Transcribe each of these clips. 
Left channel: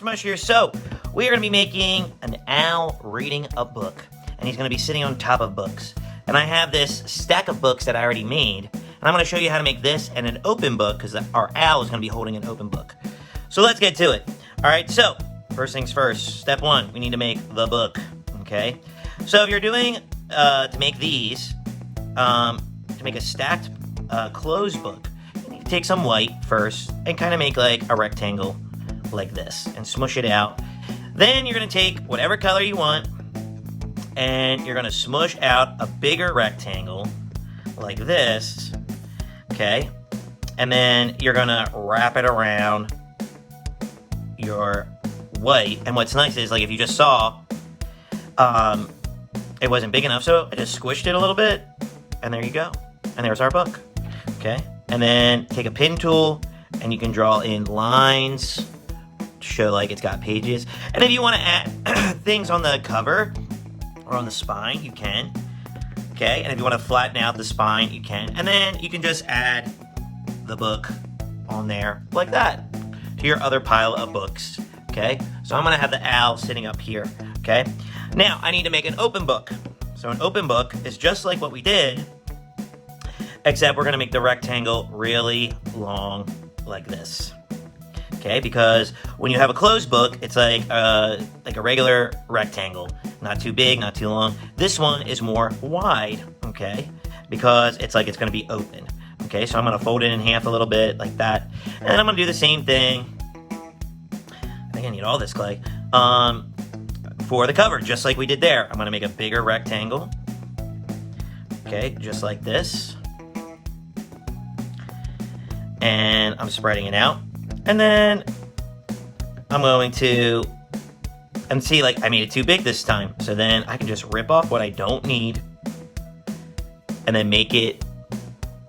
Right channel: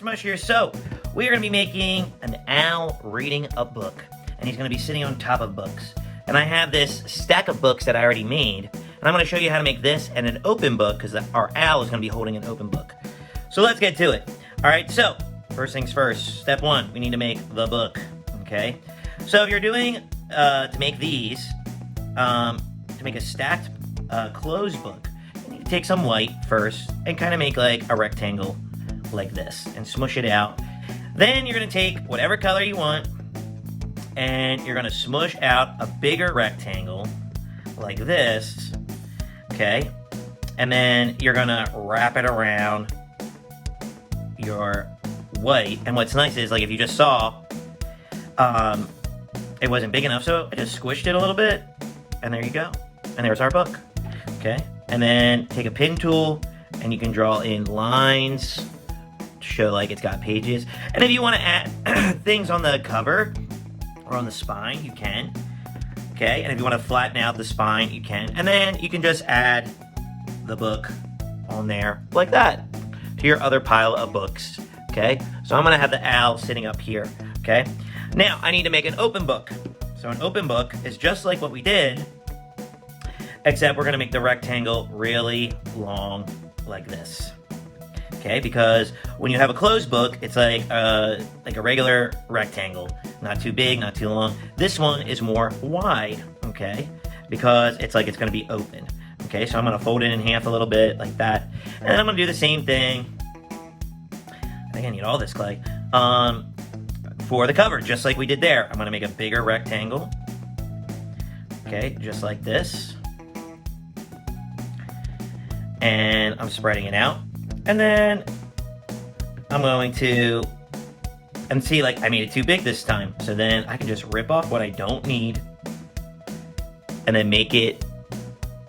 Mush here. So we are going to be making an owl reading a book, and he's going to be sitting on top of books. And I have this stack of books that I already made, and I'm going to show you how to make this and an open book, because our owl is going to be holding an open book. So let's get to it. All right, so first things first, step one, we need to make the book, okay? So if you're doing, to make these, to make a stacked closed book, you take some white first and kind of make like a rectangle like this and smush it out. Then you're going to take whatever color you want and you're going to smush out a bigger rectangle like this, okay? And then you're going to wrap it around your white. And what's nice is, like, if you just saw, it wasn't big enough, so I just squished it a little bit, and there you go. And there's our book, okay? And then take a pen tool and you can draw in lines to show like it's got pages. And if you want to add things on the cover or on the spine, you can, okay? And if you want to flatten out the spine, you can. And then you can just add the book on there like that to your other pile of books, okay? So I'm gonna have the owl sitting up here, okay? Now I need to make an open book. So an open book is just like what we did, except we're gonna make the rectangle really long like this, okay? Because when you have a closed book, it's like a regular rectangle, not too big, not too long. This one is more wide, okay? Because it's like it's gonna be open, okay? So I'm gonna fold it in half a little bit like that, and I'm gonna do the same thing. I think I need all this clay. For the cover, just like we did there. I'm gonna make a bigger rectangle, okay, just like this. And I'm spreading it out. And then I'm going to, and see, like, I made it too big this time. So then I can just rip off what I don't need and then make it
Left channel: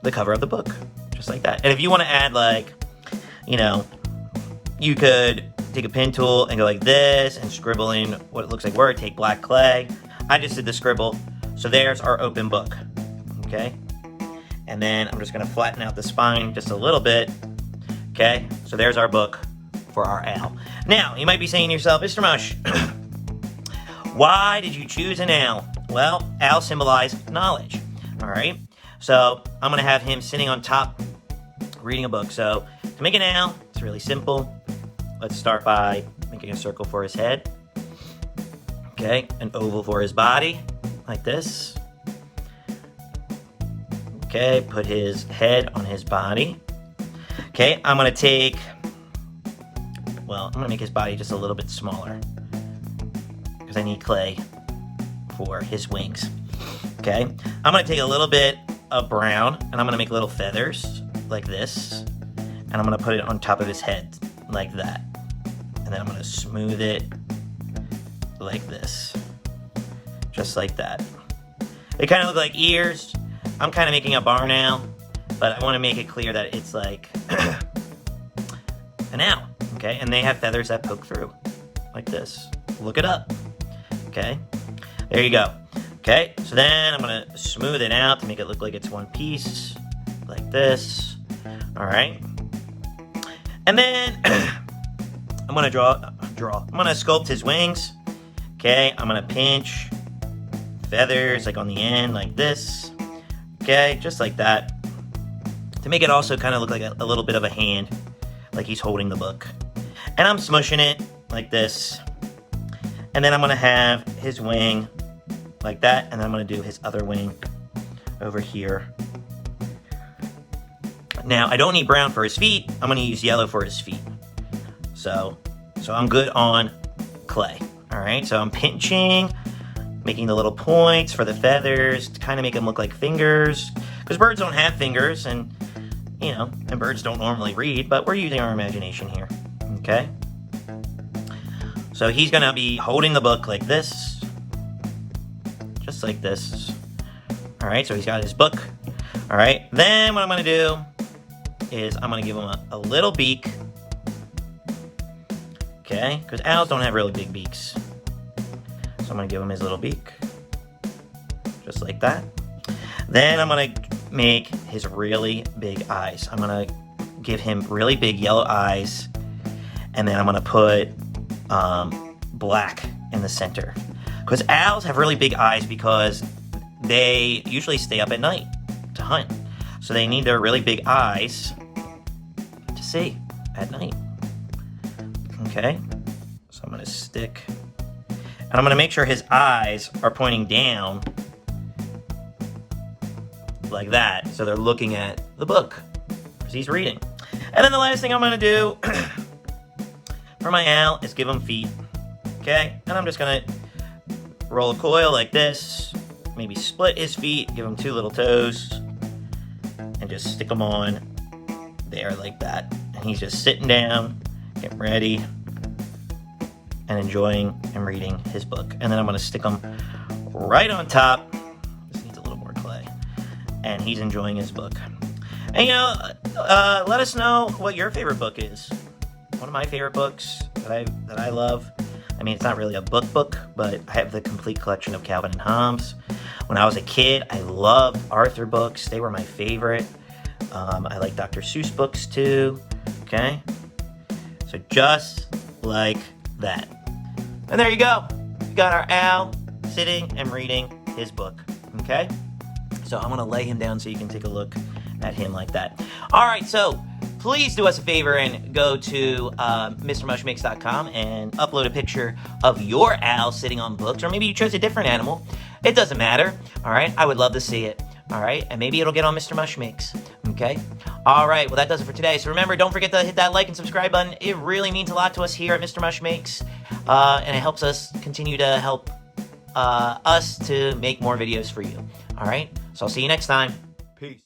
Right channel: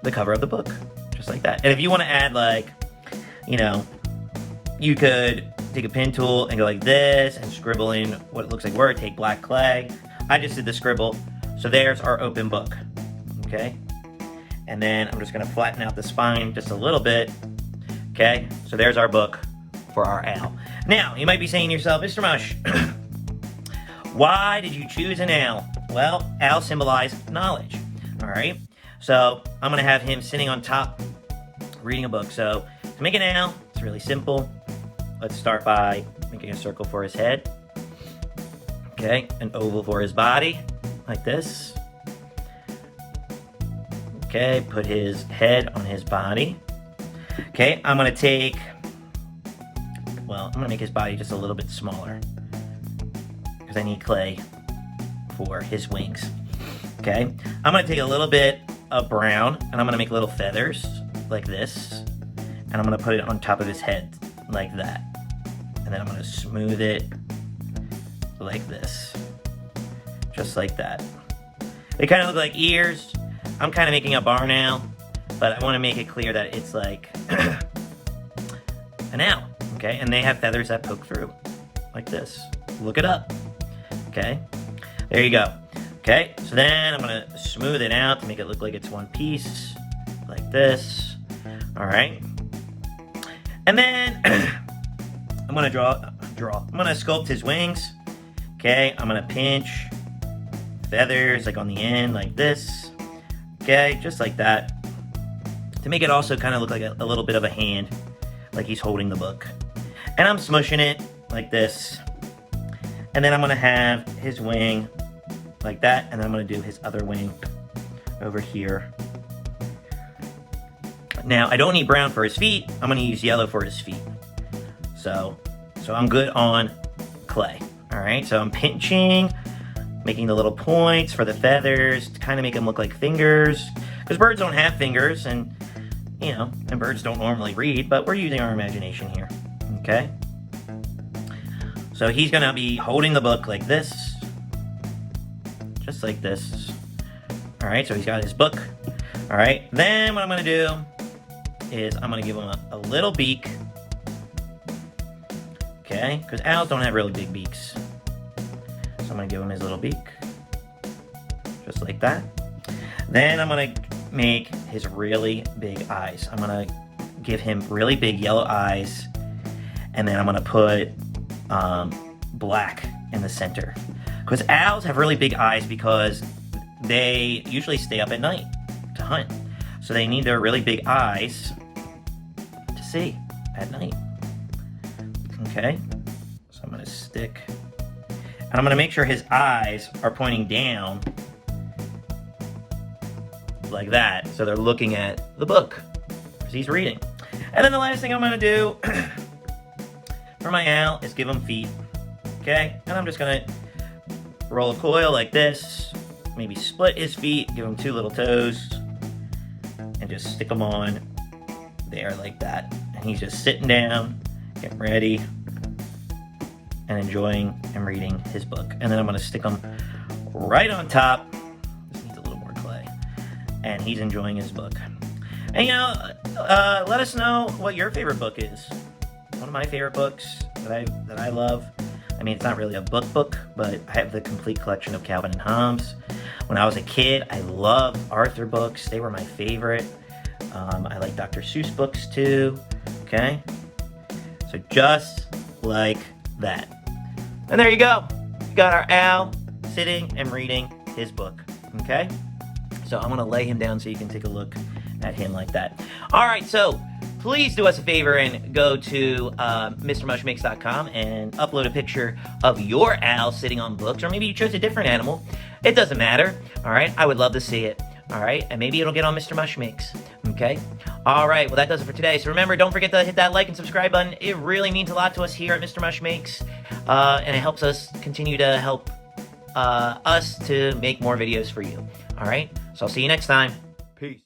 the cover of the book, just like that. And if you want to add, like, you know, you could take a pen tool and go like this and scribble in what looks like word. Take black clay. I just did the scribble. So there's our open book, okay? And then I'm just gonna flatten out the spine just a little bit, okay? So there's our book for our owl. Now, you might be saying to yourself, Mr. Mush, why did you choose an owl? Well, owls symbolize knowledge, all right? So I'm gonna have him sitting on top reading a book. So to make an owl, it's really simple. Let's start by making a circle for his head, okay? An oval for his body, like this. Okay, put his head on his body. Okay, I'm gonna take, well, I'm gonna make his body just a little bit smaller because I need clay for his wings. Okay, I'm gonna take a little bit of brown and I'm gonna make little feathers like this, and I'm gonna put it on top of his head like that. And then I'm gonna smooth it like this, just like that. They kind of look like ears. I'm kind of making a barn owl, but I want to make it clear that it's like an owl, okay? And they have feathers that poke through, like this. Look it up, okay? There you go. Okay, so then I'm going to smooth it out to make it look like it's one piece, like this. All right. And then I'm going to I'm going to sculpt his wings, okay? I'm going to pinch feathers like on the end, like this. Okay, just like that, to make it also kind of look like a little bit of a hand, like he's holding the book. And I'm smushing it like this, and then I'm gonna have his wing like that, and then I'm gonna do his other wing over here. Now, I don't need brown for his feet. I'm gonna use yellow for his feet. So I'm good on clay. All right, so I'm pinching, making the little points for the feathers to kind of make them look like fingers, because birds don't have fingers, and you know, and birds don't normally read, but we're using our imagination here, okay? So he's gonna be holding the book like this, just like this. All right, so he's got his book. All right, then what I'm gonna do is I'm gonna give him a little beak, okay? Because owls don't have really big beaks. So I'm gonna give him his little beak, just like that. Then I'm gonna make his really big eyes. I'm gonna give him really big yellow eyes, and then I'm gonna put black in the center. Because owls have really big eyes because they usually stay up at night to hunt. So they need their really big eyes to see at night. Okay, so I'm going to stick, and I'm going to make sure his eyes are pointing down like that, so they're looking at the book as he's reading. And then the last thing I'm going to do for my owl is give him feet. Okay, and I'm just going to roll a coil like this, maybe split his feet, give him 2 little toes, and just stick them on there like that. And he's just sitting down, getting ready, and enjoying and reading his book. And then I'm going to stick them right on top. This needs a little more clay. And he's enjoying his book. And let us know what your favorite book is. One of my favorite books that I love. I mean, it's not really a book, but I have the complete collection of Calvin and Hobbes. When I was a kid, I loved Arthur books. They were my favorite. I like Dr. Seuss books too. Okay? So just like that. And there you go. We got our owl sitting and reading his book. Okay? So I'm going to lay him down so you can take a look at him like that. All right, so please do us a favor and go to MrMushMakes.com and upload a picture of your owl sitting on books, or maybe you chose a different animal. It doesn't matter, all right? I would love to see it, all right? And maybe it'll get on Mr. Mush Makes, okay? All right, well, that does it for today. So remember, don't forget to hit that like and subscribe button. It really means a lot to us here at Mr. Mush Makes, and it helps us continue to help us to make more videos for you, all right? So I'll see you next time. Peace.